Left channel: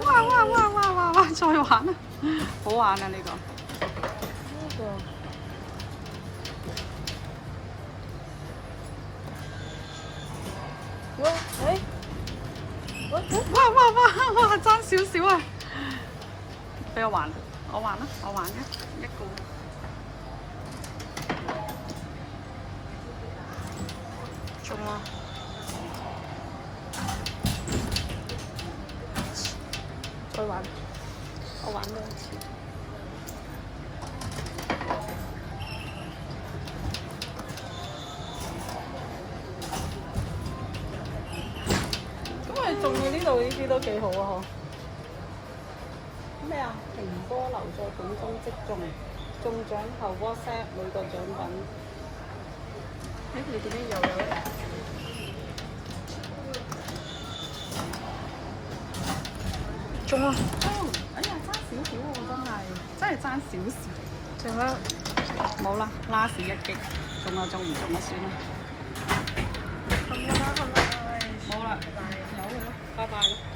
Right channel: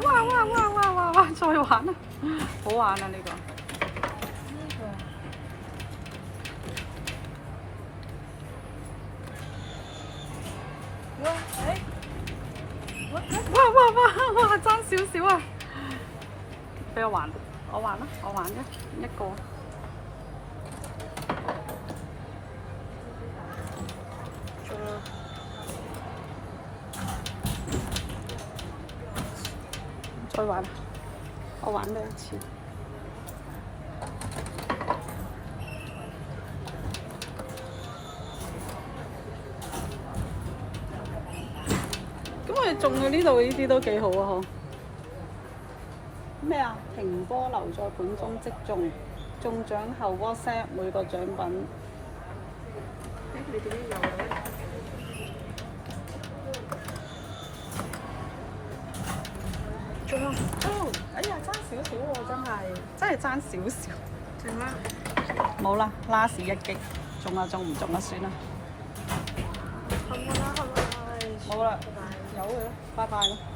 哇！再玩啊！好玩啊呢個。哇！爭少少啊！俾我玩，我玩啦，我玩一個。中啊！再玩，我玩多一次。咁我哋中嘅呢度呢啲都幾好啊！咩啊？蘋果留在本中即中，中獎後 WhatsApp 每個獎品。你點解又有咧？中啊！哎呀，爭少少喎，真係爭少少。中啦！冇啦，last 一擊，中啦，中唔中啊？算啦。好啦，好啦，拜拜。好啦，拜拜。好，拜拜。